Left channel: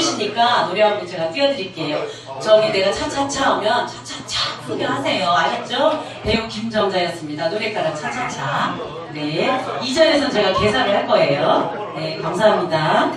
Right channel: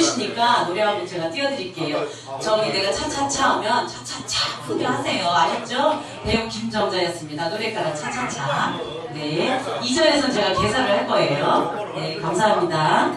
좋으시니까 노래 한번 제가 띄워드릴게요. 저기 내가 차차차 오면 차차차 크게 하세요. 알겠죠? 배우 김정자였습니다. 노래가락 차차차. 네. 2절에서 제가 계산을 할 거예요. 네, 감사합니다.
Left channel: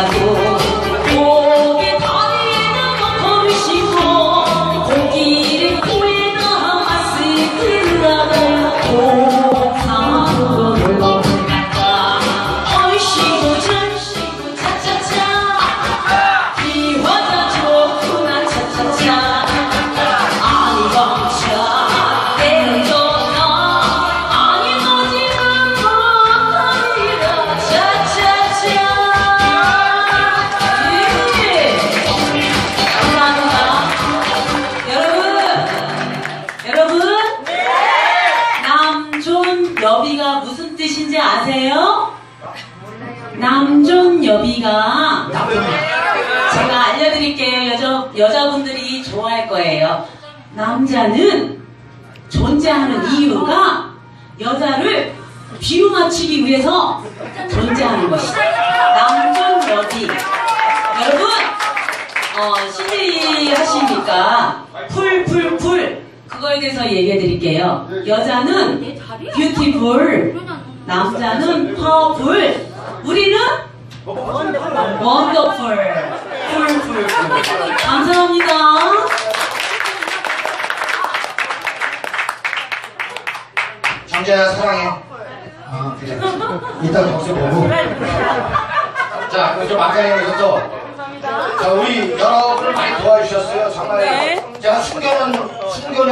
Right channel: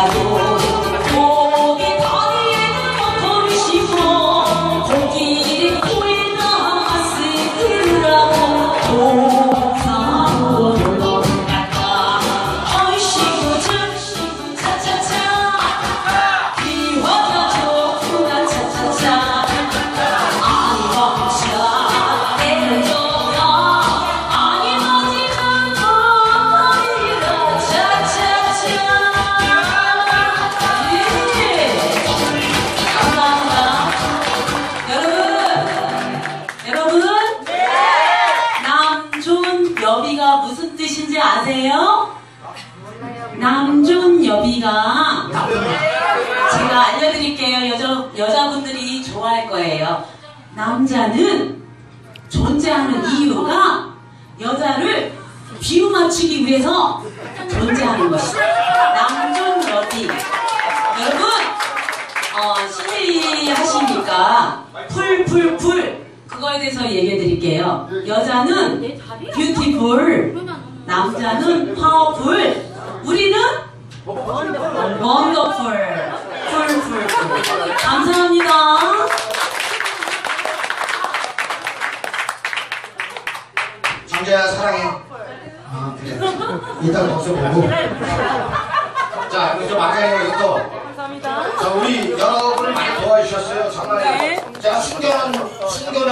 啊多 여비가 무슨 뜻인지 아세요? 남존 여비가 제가 알려드릴게요. 여자, 여자분들이 좋아할 거예요. 남자는 존재하는 이유가 여자를 뒤로 맞추기 위해서 존재하는 것이다. 남존 여비. 여러분, 어, CJ 하시니까 풀, 풀, 풀. 그거에 대해서 얘기해 드릴게요. 여자는 뷰티풀, 남자는 파워풀, 우리는 원더풀. 풀, 풀, 풀. 감사합니다. 정자야 사랑해. 아 그래. 이따 덕수 보고. 자 그럼 좀 아까에 여기서 자 우리 여러분을 많이 도와주셨어요. 정말 제가 숨겨놓은 숨겨놓은